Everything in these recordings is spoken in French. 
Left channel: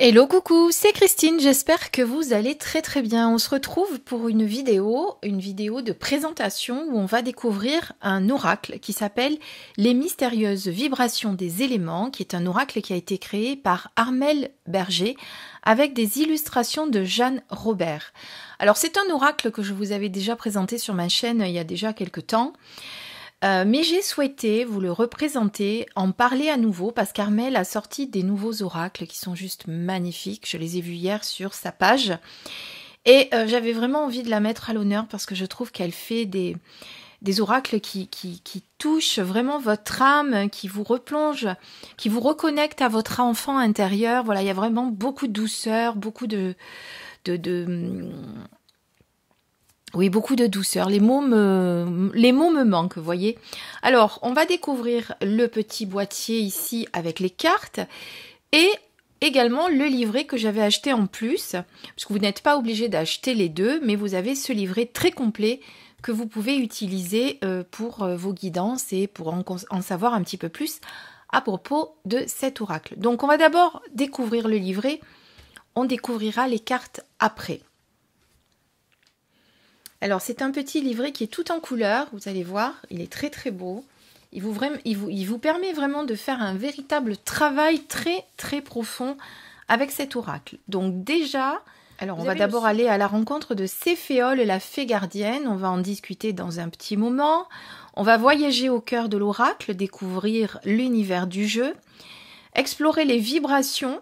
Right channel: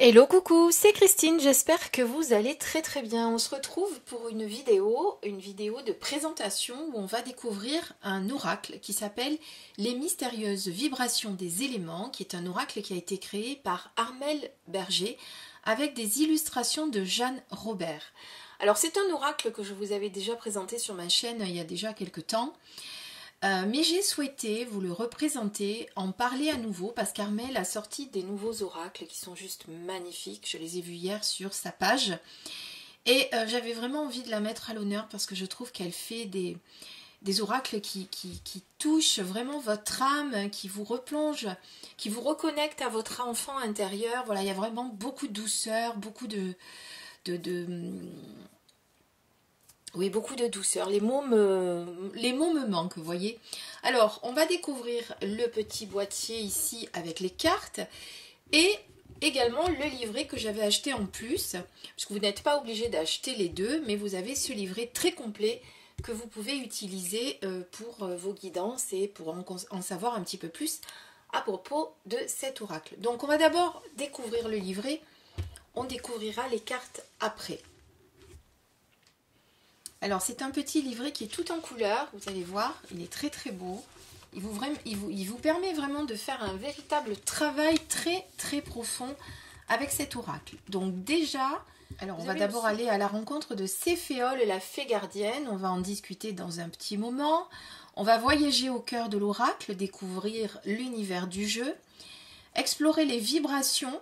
Hello coucou, c'est Christine, j'espère que vous allez très bien. On se retrouve pour une vidéo de présentation où on va découvrir un oracle qui s'appelle Les mystérieuses vibrations des éléments, qui est un oracle qui a été créé par Armelle Berger avec des illustrations de Jeanne Robert. Alors c'est un oracle que je vous avais déjà présenté sur ma chaîne il y a déjà quelques temps. Mais j'ai souhaité vous le représenter, en parler à nouveau, parce qu'Armelle a sorti des nouveaux oracles qui sont juste magnifiques. Je les ai vus hier sur sa page. Et j'avais vraiment envie de la mettre à l'honneur parce que je trouve qu'elle fait des oracles qui touchent vraiment votre âme, qui vous replongent, qui vous reconnectent à votre enfant intérieur. Voilà, il y a vraiment beaucoup de douceur, beaucoup oui, beaucoup de douceur. Les mots me manquent, vous voyez. Alors, on va découvrir le petit boîtier ici avec les cartes et également le livret que j'avais acheté en plus, parce que vous n'êtes pas obligé d'acheter les deux, mais vous avez ce livret très complet que vous pouvez utiliser pour vos guidances et pour en savoir un petit peu plus à propos de cet oracle. Donc, on va d'abord découvrir le livret. On découvrira les cartes après. Alors, c'est un petit livret qui est tout en couleur, vous allez voir, il est très beau. Il vous permet vraiment de faire un véritable travail très profond avec cet oracle. Donc déjà, on va d'abord aller à la rencontre de Céphéole, la fée gardienne. On va en discuter dans un petit moment. On va voyager au cœur de l'oracle, découvrir l'univers du jeu, explorer les vibrations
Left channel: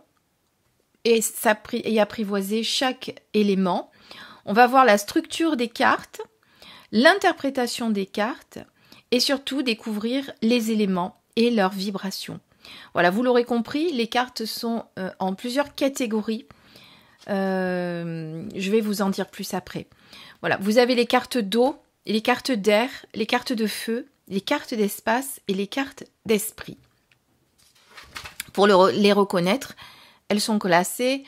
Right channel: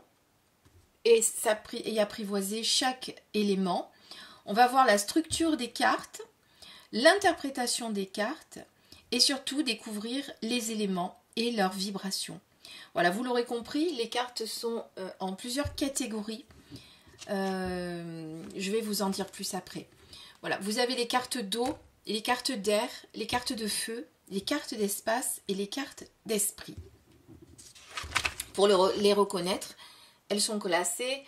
et apprivoiser chaque élément. On va voir la structure des cartes, l'interprétation des cartes et surtout découvrir les éléments et leurs vibrations. Voilà, vous l'aurez compris, les cartes sont en plusieurs catégories. Je vais vous en dire plus après. Voilà, vous avez les cartes d'eau, les cartes d'air, les cartes de feu, les cartes d'espace et les cartes d'esprit. Pour les reconnaître, elles sont classées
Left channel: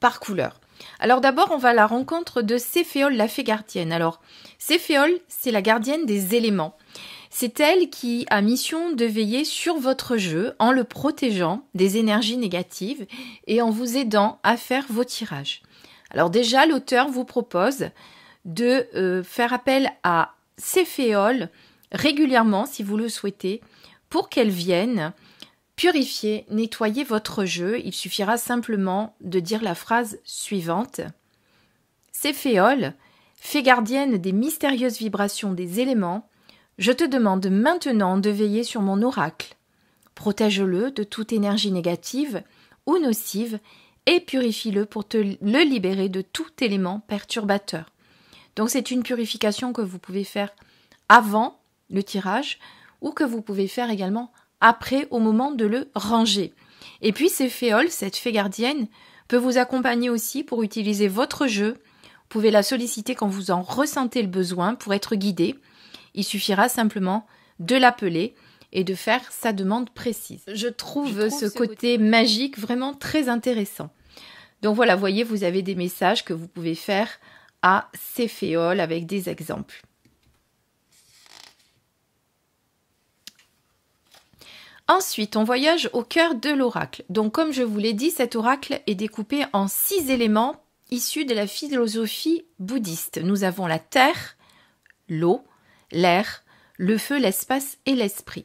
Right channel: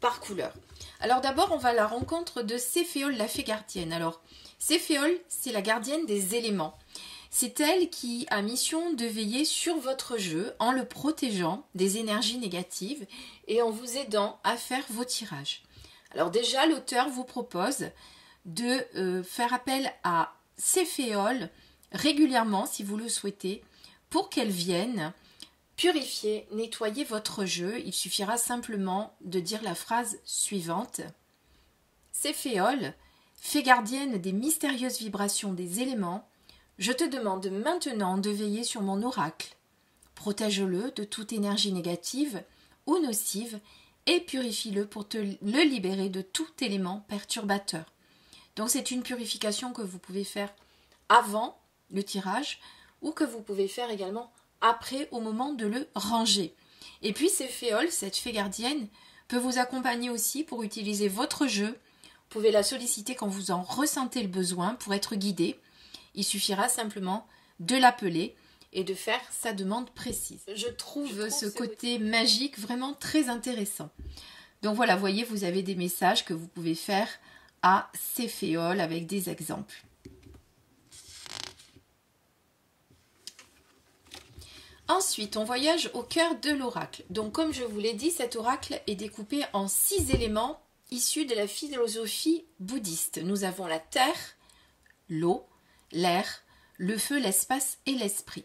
par couleur. Alors d'abord, on va à la rencontre de Céphéole, la fée gardienne. Alors, Céphéole, c'est la gardienne des éléments. C'est elle qui a mission de veiller sur votre jeu en le protégeant des énergies négatives et en vous aidant à faire vos tirages. Alors déjà, l'auteur vous propose de faire appel à Céphéole régulièrement, si vous le souhaitez, pour qu'elle vienne purifier, nettoyer votre jeu. Il suffira simplement de dire la phrase suivante. Céphéole, fée gardienne des mystérieuses vibrations des éléments, je te demande maintenant de veiller sur mon oracle. Protège-le de toute énergie négative ou nocive et purifie-le pour te le libérer de tout élément perturbateur. Donc c'est une purification que vous pouvez faire avant le tirage ou que vous pouvez faire également après au moment de le ranger. Et puis Céphéole, cette fée gardienne, peut vous accompagner aussi pour utiliser votre jeu. Vous pouvez la solliciter quand vous en ressentez le besoin pour être guidé. Il suffira simplement de l'appeler et de faire sa demande précise. Je trouve ce côté magique vraiment très intéressant. Donc voilà, vous voyez, vous avez des messages que vous pouvez faire à Céphéole avec des exemples. Ensuite, on voyage au cœur de l'oracle. Donc, comme je vous l'ai dit, cet oracle est découpé en 6 éléments issus de la philosophie bouddhiste. Nous avons la terre, l'eau, l'air, le feu, l'espace et l'esprit.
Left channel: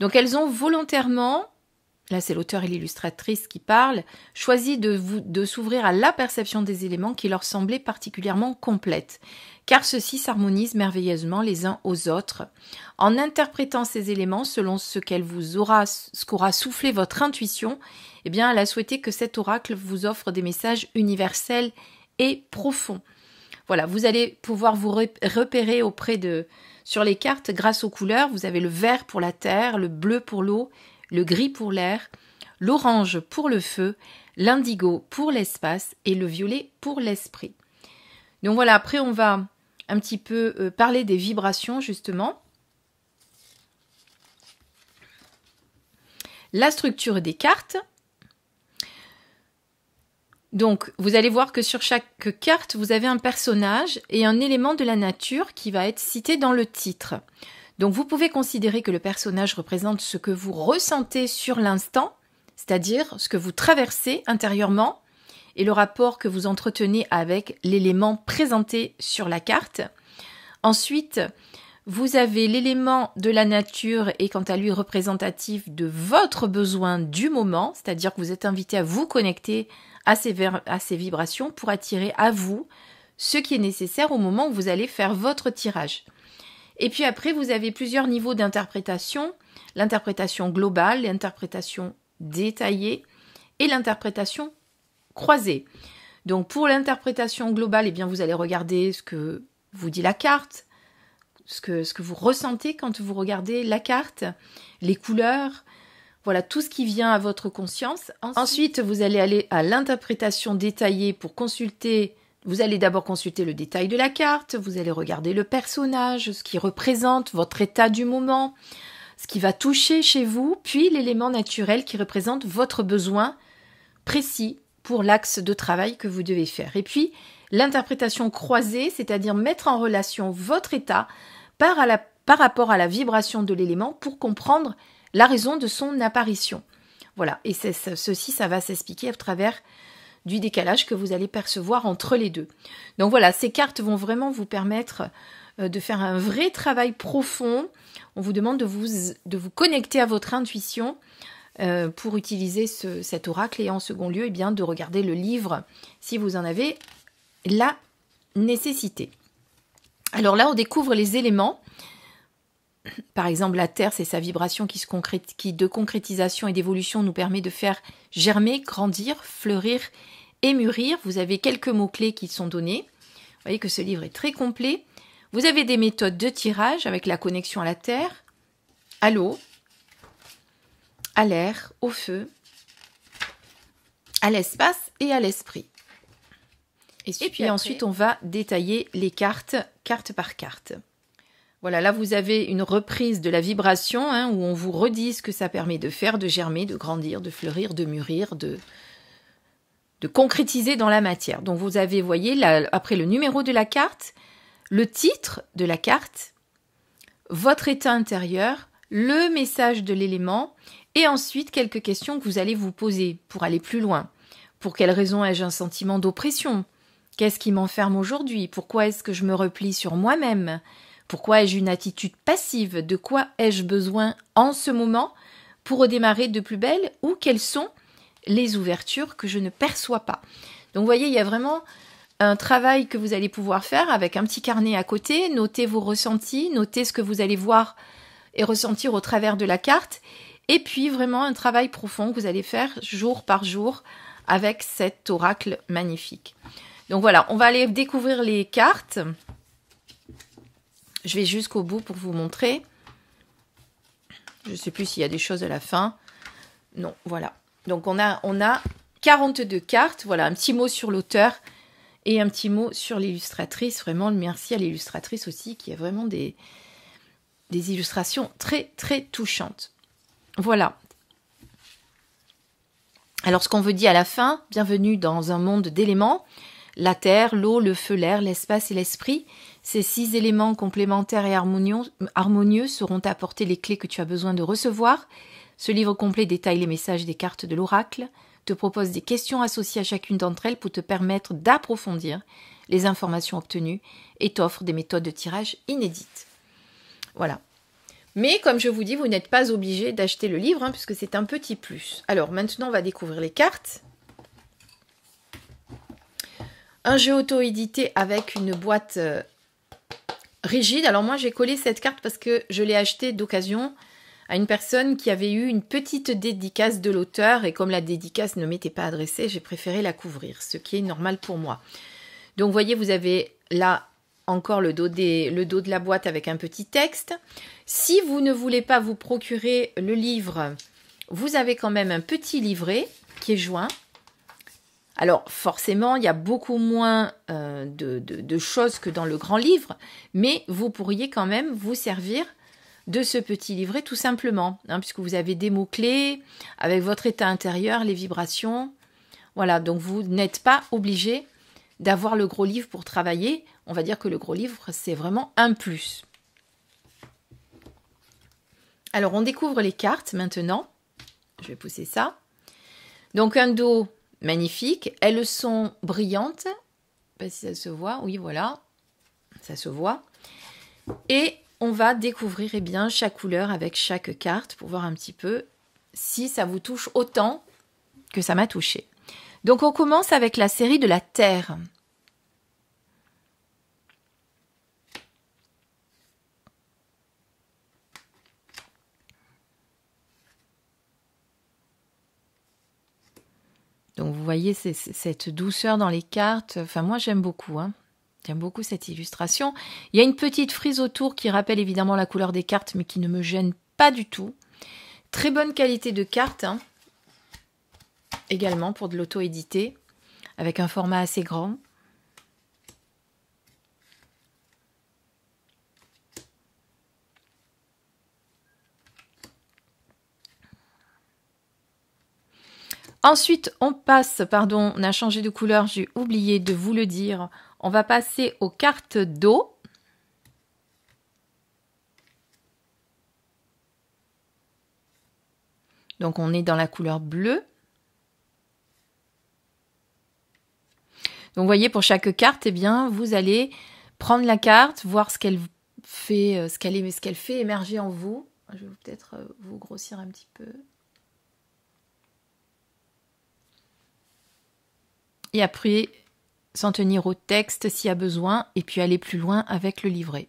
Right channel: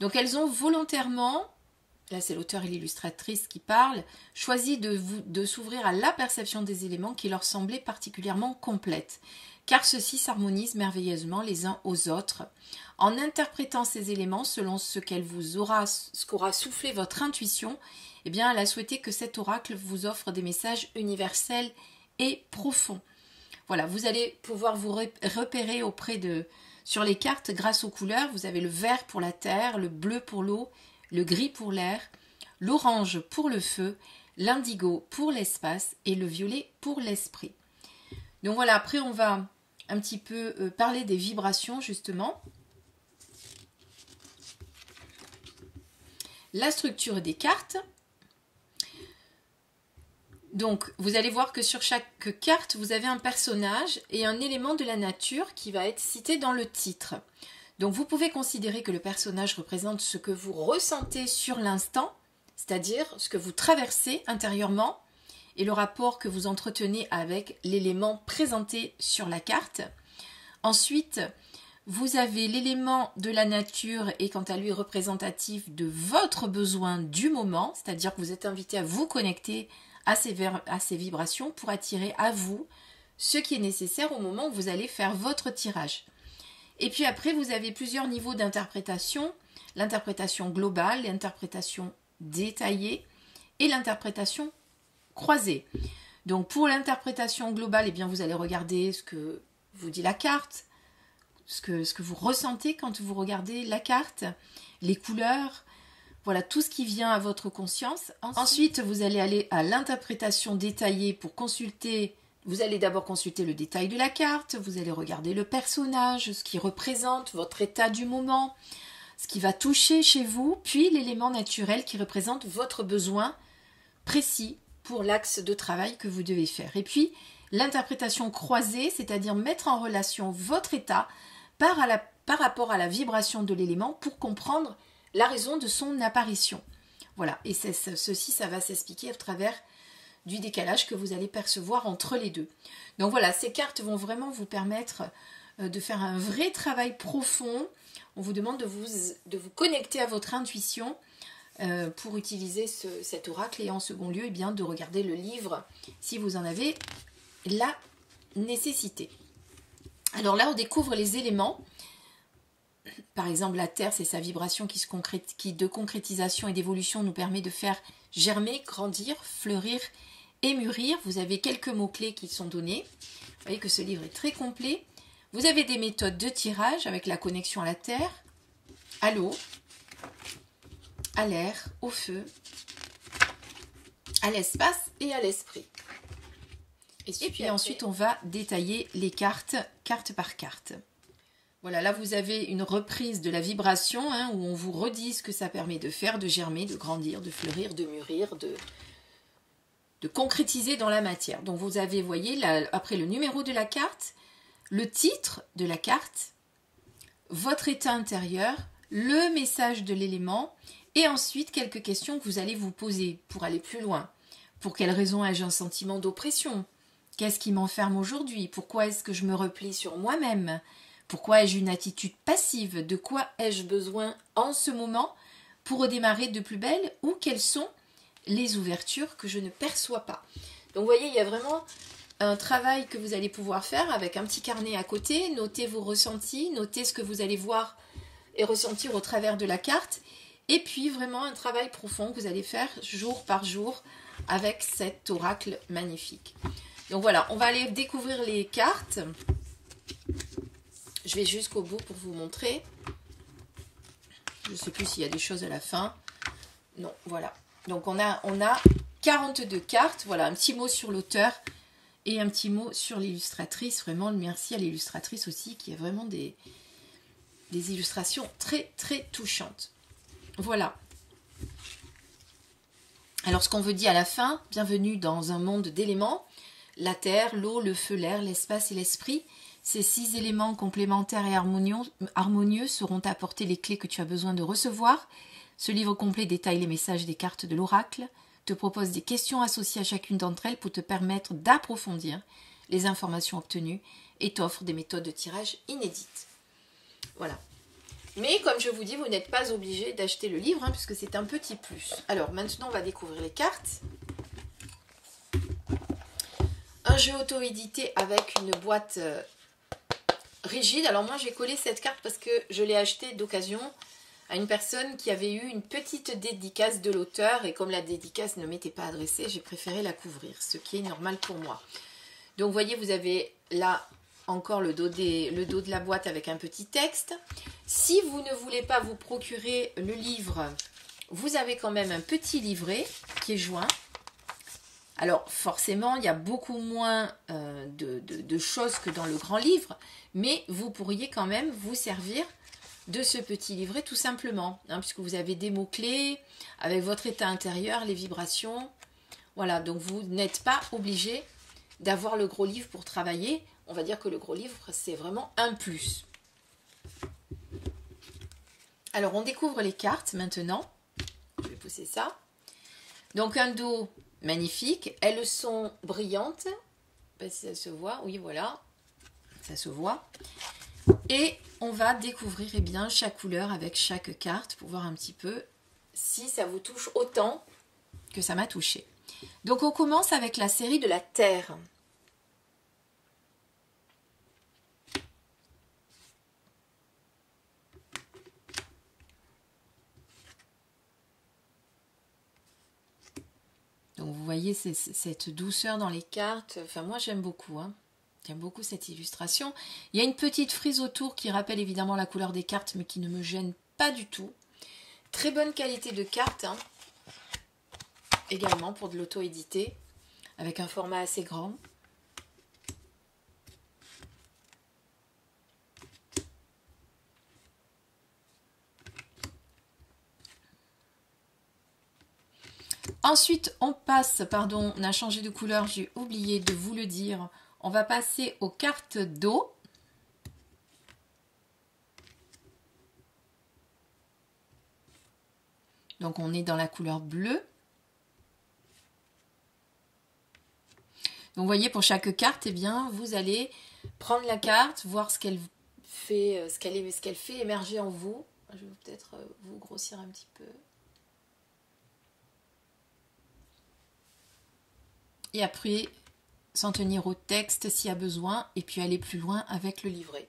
Donc, elles ont volontairement, là c'est l'auteur et l'illustratrice qui parlent, choisi de s'ouvrir à la perception des éléments qui leur semblaient particulièrement complètes, car ceux-ci s'harmonisent merveilleusement les uns aux autres. En interprétant ces éléments selon ce qu'aura soufflé votre intuition, eh bien, elle a souhaité que cet oracle vous offre des messages universels et profonds. Voilà, vous allez pouvoir vous repérer sur les cartes grâce aux couleurs. Vous avez le vert pour la terre, le bleu pour l'eau, le gris pour l'air, l'orange pour le feu, l'indigo pour l'espace et le violet pour l'esprit. Donc voilà, après on va un petit peu parler des vibrations justement. La structure des cartes. Donc vous allez voir que sur chaque carte, vous avez un personnage et un élément de la nature qui va être cité dans le titre. Donc vous pouvez considérer que le personnage représente ce que vous ressentez sur l'instant c'est-à-dire ce que vous traversez intérieurement et le rapport que vous entretenez avec l'élément présenté sur la carte. Ensuite, vous avez l'élément de la nature et quant à lui représentatif de votre besoin du moment, c'est-à-dire que vous êtes invité à vous connecter à ces vibrations pour attirer à vous ce qui est nécessaire au moment où vous allez faire votre tirage. Et puis après, vous avez plusieurs niveaux d'interprétation, l'interprétation globale, l'interprétation détaillée et l'interprétation croisée. Donc pour l'interprétation globale, eh bien, vous allez regarder ce que vous dit la carte, ce que vous ressentez quand vous regardez la carte, les couleurs, voilà tout ce qui vient à votre conscience. Ensuite, vous allez aller à l'interprétation détaillée pour consulter. Vous allez d'abord consulter le détail de la carte, vous allez regarder le personnage, ce qui représente votre état du moment, ce qui va toucher chez vous, puis l'élément naturel qui représente votre besoin précis pour l'axe de travail que vous devez faire. Et puis, l'interprétation croisée, c'est-à-dire mettre en relation votre état par rapport à la vibration de l'élément pour comprendre la raison de son apparition. Voilà, et ceci, ça va s'expliquer à travers du décalage que vous allez percevoir entre les deux. Donc voilà, ces cartes vont vraiment vous permettre de faire un vrai travail profond. On vous demande de vous connecter à votre intuition pour utiliser cet oracle et en second lieu, eh bien, de regarder le livre si vous en avez la nécessité. Alors là, on découvre les éléments. Par exemple, la Terre, c'est sa vibration qui de concrétisation et d'évolution nous permet de faire germer, grandir, fleurir et mûrir. Vous avez quelques mots-clés qui sont donnés. Vous voyez que ce livre est très complet. Vous avez des méthodes de tirage avec la connexion à la Terre, à l'eau, à l'air, au feu, à l'espace et à l'esprit. Et puis ensuite, on va détailler les cartes, carte par carte. Voilà, là vous avez une reprise de la vibration où on vous redit ce que ça permet de faire, de germer, de grandir, de fleurir, de mûrir, de concrétiser dans la matière. Donc vous avez, voyez, après le numéro de la carte, le titre de la carte, votre état intérieur, le message de l'élément et ensuite quelques questions que vous allez vous poser pour aller plus loin. Pour quelle raison ai-je un sentiment d'oppression ? Qu'est-ce qui m'enferme aujourd'hui ? Pourquoi est-ce que je me replie sur moi-même ? Pourquoi ai-je une attitude passive ? De quoi ai-je besoin en ce moment pour redémarrer de plus belle ? Ou quelles sont les ouvertures que je ne perçois pas ? Donc vous voyez, il y a vraiment un travail que vous allez pouvoir faire avec un petit carnet à côté, noter vos ressentis, noter ce que vous allez voir et ressentir au travers de la carte, et puis vraiment un travail profond que vous allez faire jour par jour avec cet oracle magnifique. Donc voilà, on va aller découvrir les cartes. Je vais jusqu'au bout pour vous montrer. Je ne sais plus s'il y a des choses à la fin. Non, voilà. Donc on a 42 cartes. Voilà, un petit mot sur l'auteur et un petit mot sur l'illustratrice. Vraiment, merci à l'illustratrice aussi qui a vraiment des illustrations très, très touchantes. Voilà. Alors ce qu'on veut dire à la fin, bienvenue dans un monde d'éléments. La terre, l'eau, le feu, l'air, l'espace et l'esprit. Ces 6 éléments complémentaires et harmonieux seront apporter les clés que tu as besoin de recevoir. Ce livre complet détaille les messages des cartes de l'oracle, te propose des questions associées à chacune d'entre elles pour te permettre d'approfondir les informations obtenues et t'offre des méthodes de tirage inédites. Voilà. Mais comme je vous dis, vous n'êtes pas obligé d'acheter le livre puisque c'est un petit plus. Alors maintenant, on va découvrir les cartes. Un jeu auto-édité avec une boîte rigide. Alors moi, j'ai collé cette carte parce que je l'ai achetée d'occasion à une personne qui avait eu une petite dédicace de l'auteur. Et comme la dédicace ne m'était pas adressée, j'ai préféré la couvrir, ce qui est normal pour moi. Donc, vous voyez, vous avez là encore le dos de la boîte avec un petit texte. Si vous ne voulez pas vous procurer le livre, vous avez quand même un petit livret qui est joint. Alors forcément, il y a beaucoup moins de choses que dans le grand livre, mais vous pourriez quand même vous servir de ce petit livret tout simplement, puisque vous avez des mots-clés avec votre état intérieur, les vibrations. Voilà, donc vous n'êtes pas obligé d'avoir le gros livre pour travailler. On va dire que le gros livre, c'est vraiment un plus. Alors, on découvre les cartes maintenant. Je vais pousser ça. Donc un dos magnifique. Elles sont brillantes. Je sais pas si ça se voit. Oui, voilà. Ça se voit. Et on va découvrir eh bien, chaque couleur avec chaque carte pour voir un petit peu si ça vous touche autant que ça m'a touché. Donc on commence avec la série de la Terre. Donc vous voyez cette douceur dans les cartes. Enfin moi j'aime beaucoup. J'aime beaucoup cette illustration. Il y a une petite frise autour qui rappelle évidemment la couleur des cartes mais qui ne me gêne pas du tout. Très bonne qualité de carte. Également pour de l'auto-édité. Avec un format assez grand. Ensuite, on passe, pardon, on a changé de couleur, j'ai oublié de vous le dire. On va passer aux cartes d'eau. Donc, on est dans la couleur bleue. Donc, vous voyez, pour chaque carte, eh bien, vous allez prendre la carte, voir ce qu'elle fait, ce qu'elle fait émerger en vous. Je vais peut-être vous grossir un petit peu. Et après, s'en tenir au texte s'il y a besoin, et puis aller plus loin avec le livret.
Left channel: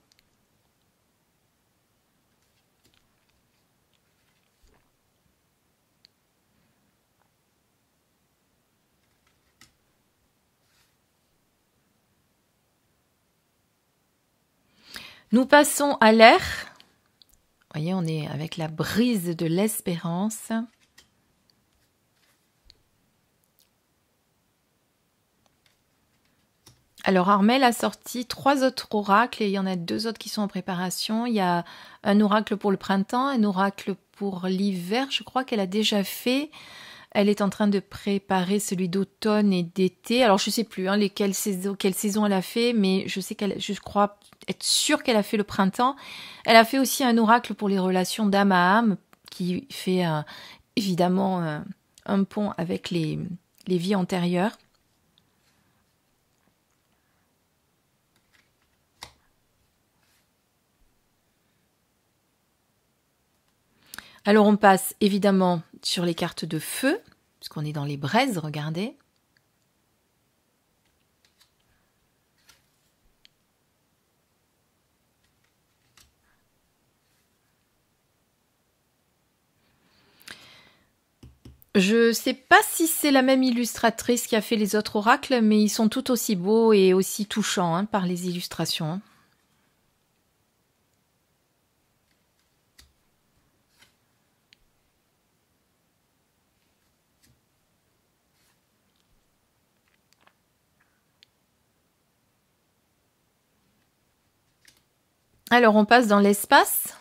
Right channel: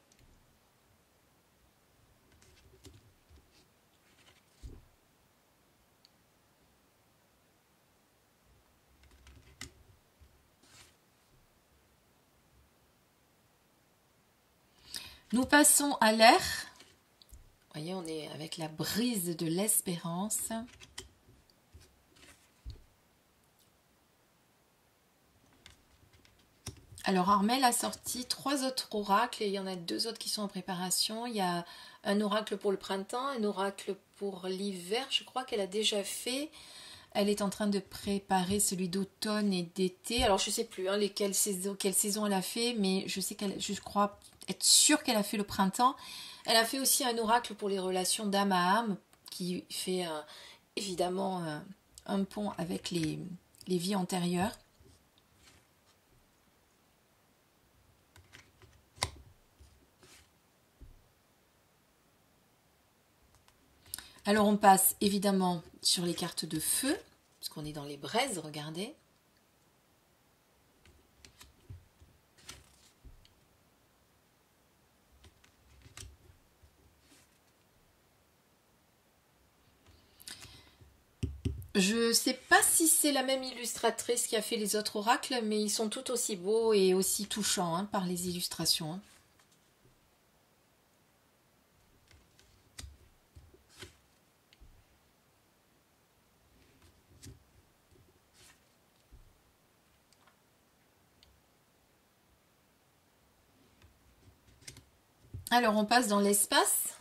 Nous passons à l'air. Vous voyez, on est avec la brise de l'espérance. Alors, Armelle a sorti 3 autres oracles et il y en a 2 autres qui sont en préparation. Il y a un oracle pour le printemps, un oracle pour l'hiver. Je crois qu'elle a déjà fait. Elle est en train de préparer celui d'automne et d'été. Alors, je ne sais plus quelle saison elle a fait, mais je crois être sûre qu'elle a fait le printemps. Elle a fait aussi un oracle pour les relations d'âme à âme, qui fait évidemment un pont avec les vies antérieures. Alors, on passe évidemment sur les cartes de feu, puisqu'on est dans les braises, regardez. Je ne sais pas si c'est la même illustratrice qui a fait les autres oracles, mais ils sont tout aussi beaux et aussi touchants par les illustrations. Alors, on passe dans l'espace.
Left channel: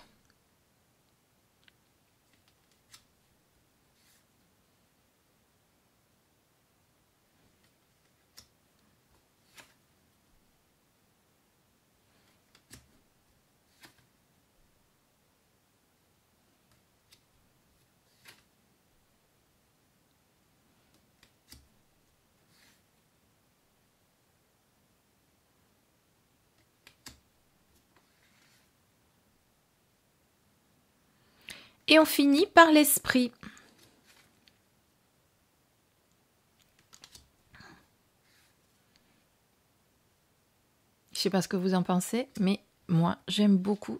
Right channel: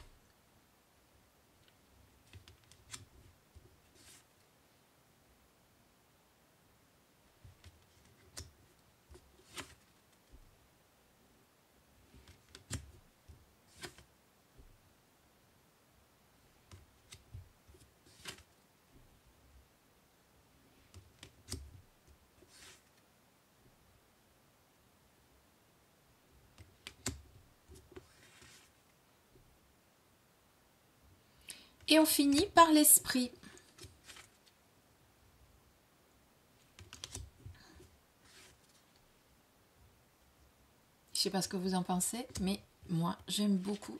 Et on finit par l'esprit. Je ne sais pas ce que vous en pensez, mais moi, j'aime beaucoup.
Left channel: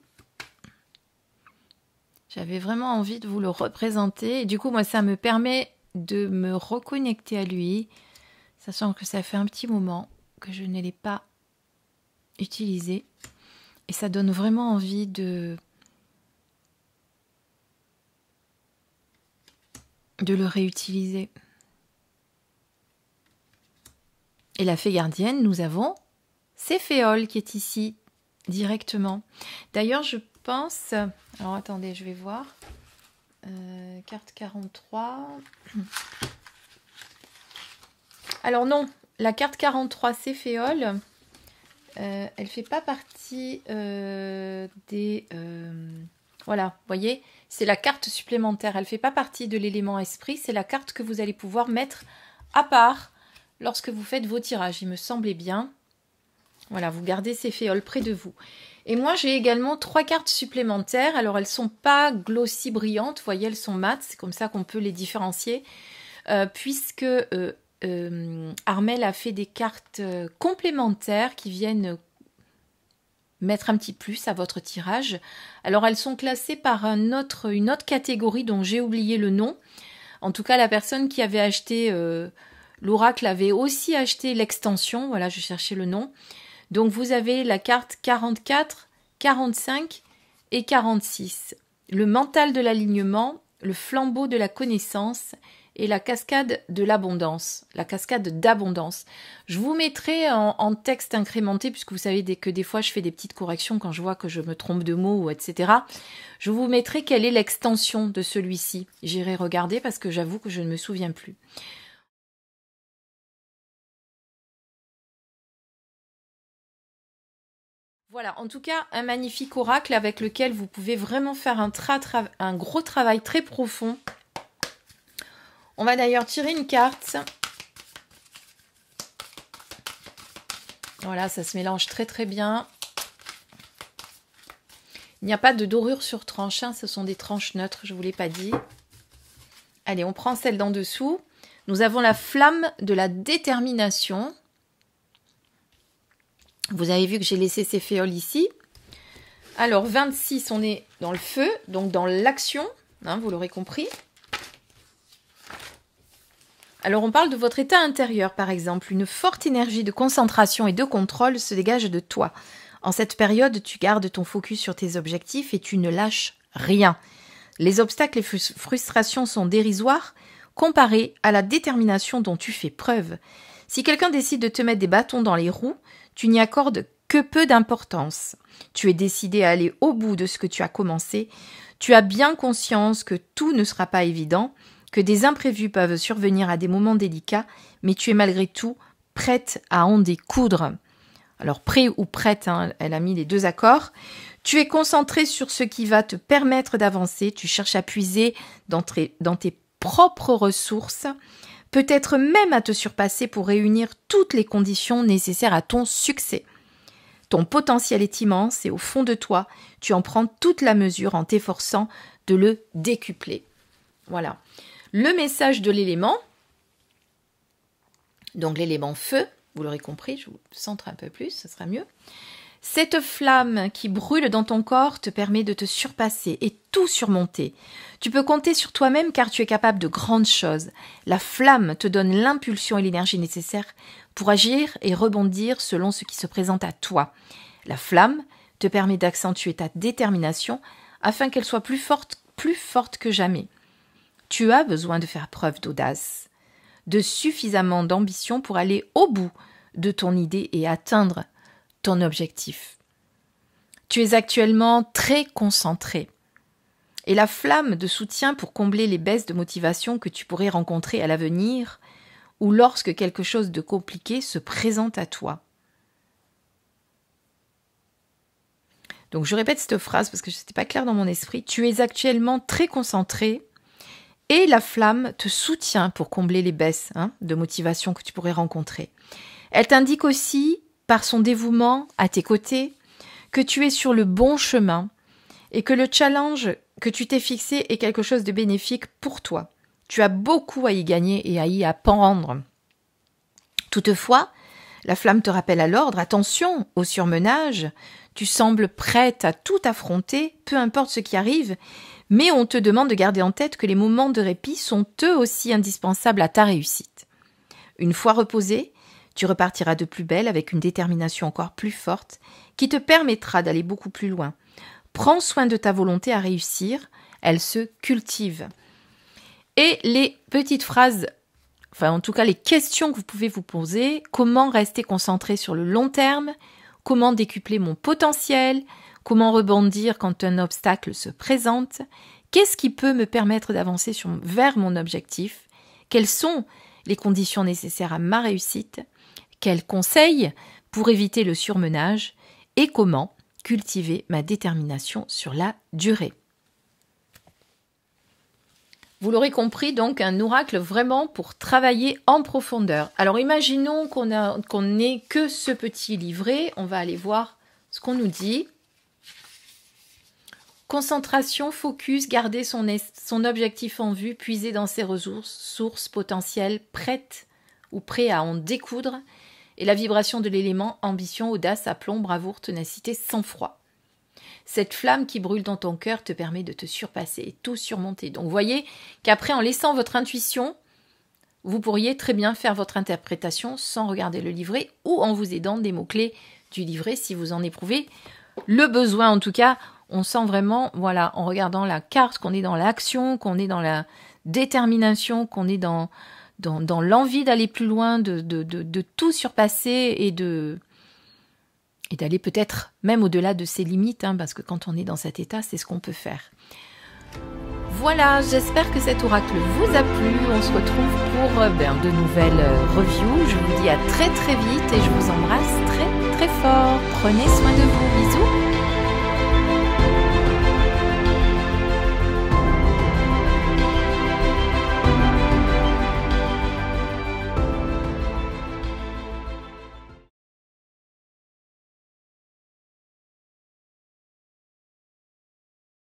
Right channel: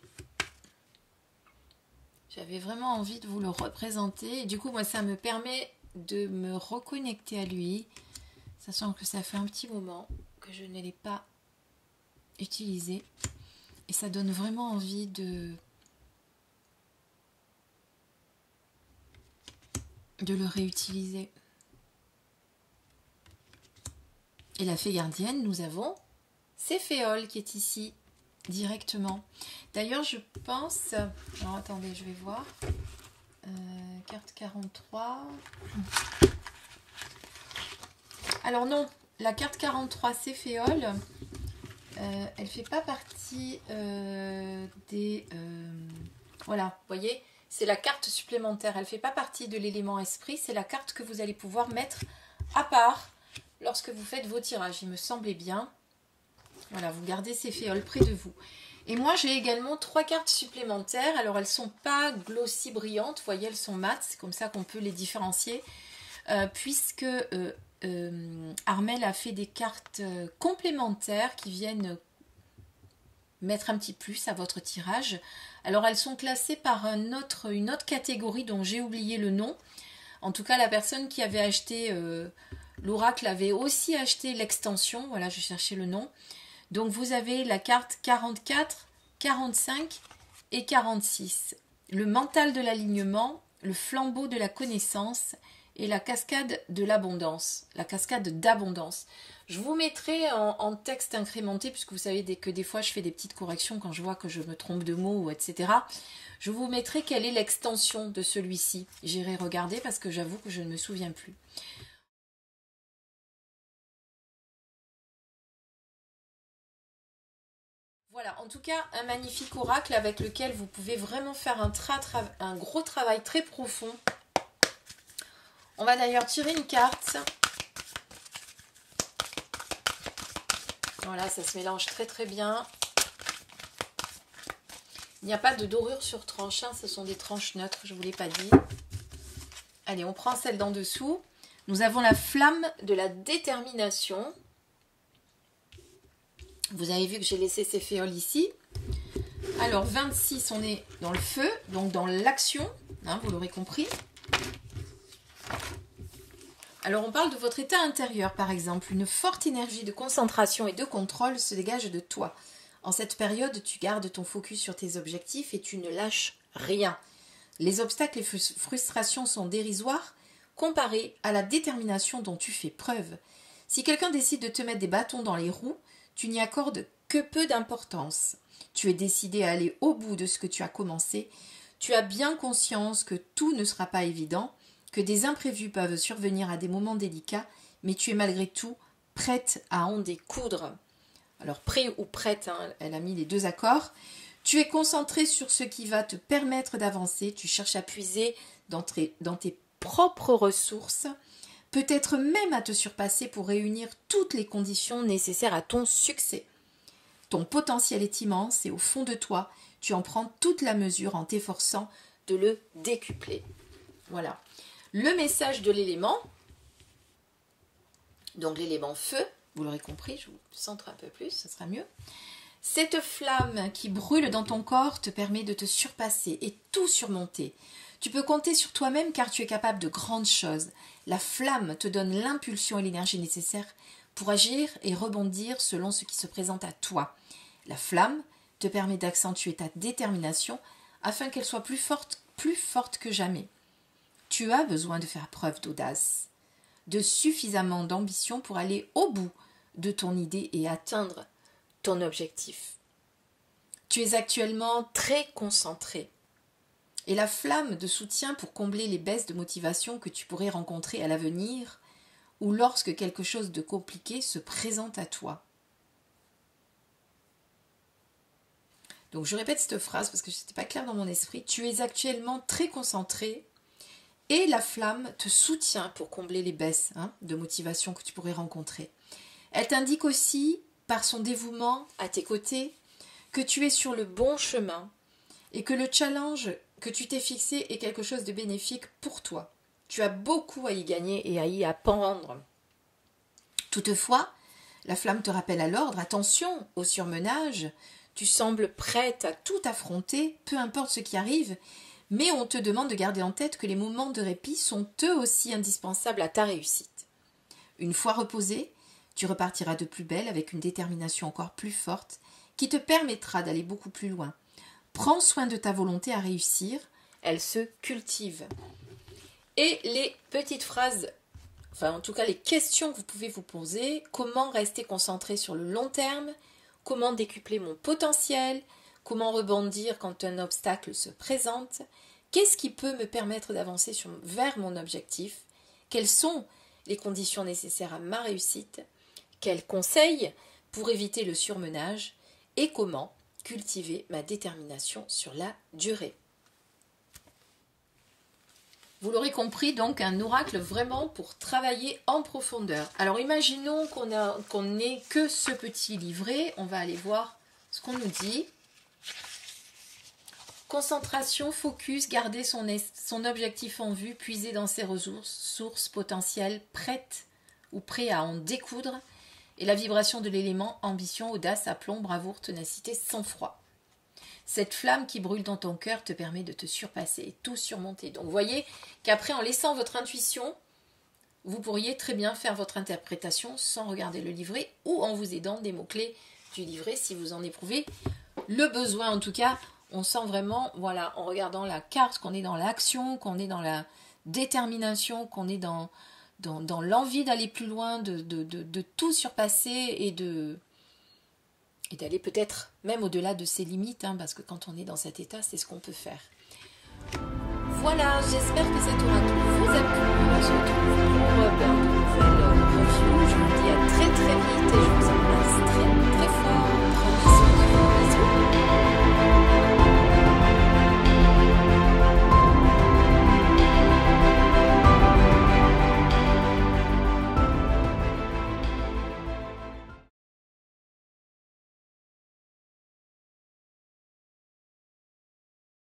J'avais vraiment envie de vous le représenter. Et du coup, moi, ça me permet de me reconnecter à lui, sachant que ça fait un petit moment que je ne l'ai pas utilisé. Et ça donne vraiment envie de le réutiliser. Et la fée gardienne, nous avons Céphéole qui est ici directement. D'ailleurs, je pense... Alors, attendez, je vais voir. Carte 43. Alors non, la carte 43 Céphéole, elle fait pas partie des... voilà, vous voyez, C'est la carte supplémentaire. Elle ne fait pas partie de l'élément esprit. C'est la carte que vous allez pouvoir mettre à part lorsque vous faites vos tirages. Il me semblait bien. Voilà, vous gardez ces féoles près de vous. Et moi, j'ai également 3 cartes supplémentaires. Alors, elles ne sont pas glossy brillantes. Vous voyez, elles sont mates. C'est comme ça qu'on peut les différencier. Puisque Armelle a fait des cartes complémentaires qui viennent mettre un petit plus à votre tirage. Alors, elles sont classées par une autre catégorie dont j'ai oublié le nom. En tout cas, la personne qui avait acheté l'oracle avait aussi acheté l'extension. Voilà, je cherchais le nom. Donc, vous avez la carte 44, 45 et 46. Le mental de l'alignement, le flambeau de la connaissance et la cascade de l'abondance, la cascade d'abondance. Je vous mettrai en texte incrémenté, puisque vous savez que des fois je fais des petites corrections quand je vois que je me trompe de mots, etc. Je vous mettrai quelle est l'extension de celui-ci. J'irai regarder parce que j'avoue que je ne me souviens plus. Voilà, en tout cas, un magnifique oracle avec lequel vous pouvez vraiment faire un gros travail très profond. On va d'ailleurs tirer une carte. Voilà, ça se mélange très très bien. Il n'y a pas de dorure sur tranche, hein, ce sont des tranches neutres, je ne vous l'ai pas dit. Allez, on prend celle d'en dessous. Nous avons la flamme de la détermination. Vous avez vu que j'ai laissé ces féoles ici. Alors, 26, on est dans le feu, donc dans l'action, hein, vous l'aurez compris. Alors, on parle de votre état intérieur, par exemple. Une forte énergie de concentration et de contrôle se dégage de toi. En cette période, tu gardes ton focus sur tes objectifs et tu ne lâches rien. Les obstacles et frustrations sont dérisoires comparés à la détermination dont tu fais preuve. Si quelqu'un décide de te mettre des bâtons dans les roues, tu n'y accordes que peu d'importance. Tu es décidé à aller au bout de ce que tu as commencé. Tu as bien conscience que tout ne sera pas évident, que des imprévus peuvent survenir à des moments délicats, mais tu es malgré tout prête à en découdre. Alors, prêt ou prête, hein, elle a mis les deux accords. Tu es concentré sur ce qui va te permettre d'avancer. Tu cherches à puiser dans tes propres ressources, peut-être même à te surpasser pour réunir toutes les conditions nécessaires à ton succès. Ton potentiel est immense et au fond de toi, tu en prends toute la mesure en t'efforçant de le décupler. Voilà. Le message de l'élément, donc l'élément feu, vous l'aurez compris, je vous centre un peu plus, ce sera mieux. Cette flamme qui brûle dans ton corps te permet de te surpasser et tout surmonter. Tu peux compter sur toi-même car tu es capable de grandes choses. La flamme te donne l'impulsion et l'énergie nécessaires pour agir et rebondir selon ce qui se présente à toi. La flamme te permet d'accentuer ta détermination afin qu'elle soit plus forte que jamais. Tu as besoin de faire preuve d'audace, de suffisamment d'ambition pour aller au bout de ton idée et atteindre ton objectif. Tu es actuellement très concentré et la flamme de soutien pour combler les baisses de motivation que tu pourrais rencontrer à l'avenir ou lorsque quelque chose de compliqué se présente à toi. Donc je répète cette phrase parce que ce n'était pas clair dans mon esprit. Tu es actuellement très concentré et la flamme te soutient pour combler les baisses de motivation que tu pourrais rencontrer. Elle t'indique aussi, par son dévouement à tes côtés, que tu es sur le bon chemin et que le challenge que tu t'es fixé est quelque chose de bénéfique pour toi. Tu as beaucoup à y gagner et à y apprendre. Toutefois, la flamme te rappelle à l'ordre, attention au surmenage, tu sembles prête à tout affronter, peu importe ce qui arrive, mais on te demande de garder en tête que les moments de répit sont eux aussi indispensables à ta réussite. Une fois reposé, tu repartiras de plus belle avec une détermination encore plus forte qui te permettra d'aller beaucoup plus loin. Prends soin de ta volonté à réussir, elle se cultive. Et les petites phrases, enfin en tout cas les questions que vous pouvez vous poser, comment rester concentré sur le long terme, comment décupler mon potentiel, comment rebondir quand un obstacle se présente, qu'est-ce qui peut me permettre d'avancer vers mon objectif, quelles sont les conditions nécessaires à ma réussite, quels conseils pour éviter le surmenage et comment cultiver ma détermination sur la durée. Vous l'aurez compris, donc un oracle vraiment pour travailler en profondeur. Alors imaginons qu'on n'ait que ce petit livret. On va aller voir ce qu'on nous dit. Concentration, focus, garder son objectif en vue, puiser dans ses ressources, sources potentielles, prêtes ou prêt à en découdre. Et la vibration de l'élément, ambition, audace, aplomb, bravoure, ténacité, sang-froid. Cette flamme qui brûle dans ton cœur te permet de te surpasser et tout surmonter. Donc, vous voyez qu'après, en laissant votre intuition, vous pourriez très bien faire votre interprétation sans regarder le livret ou en vous aidant des mots-clés du livret si vous en éprouvez le besoin. En tout cas, on sent vraiment, voilà, en regardant la carte, qu'on est dans l'action, qu'on est dans la détermination, qu'on est dans l'envie d'aller plus loin, de tout surpasser et d'aller peut-être même au-delà de ses limites, hein, parce que quand on est dans cet état, c'est ce qu'on peut faire. Voilà, j'espère que cet oracle vous a plu. On se retrouve pour de nouvelles reviews. Je vous dis à très très vite et je vous embrasse très très fort. Prenez soin de vous. Bisous.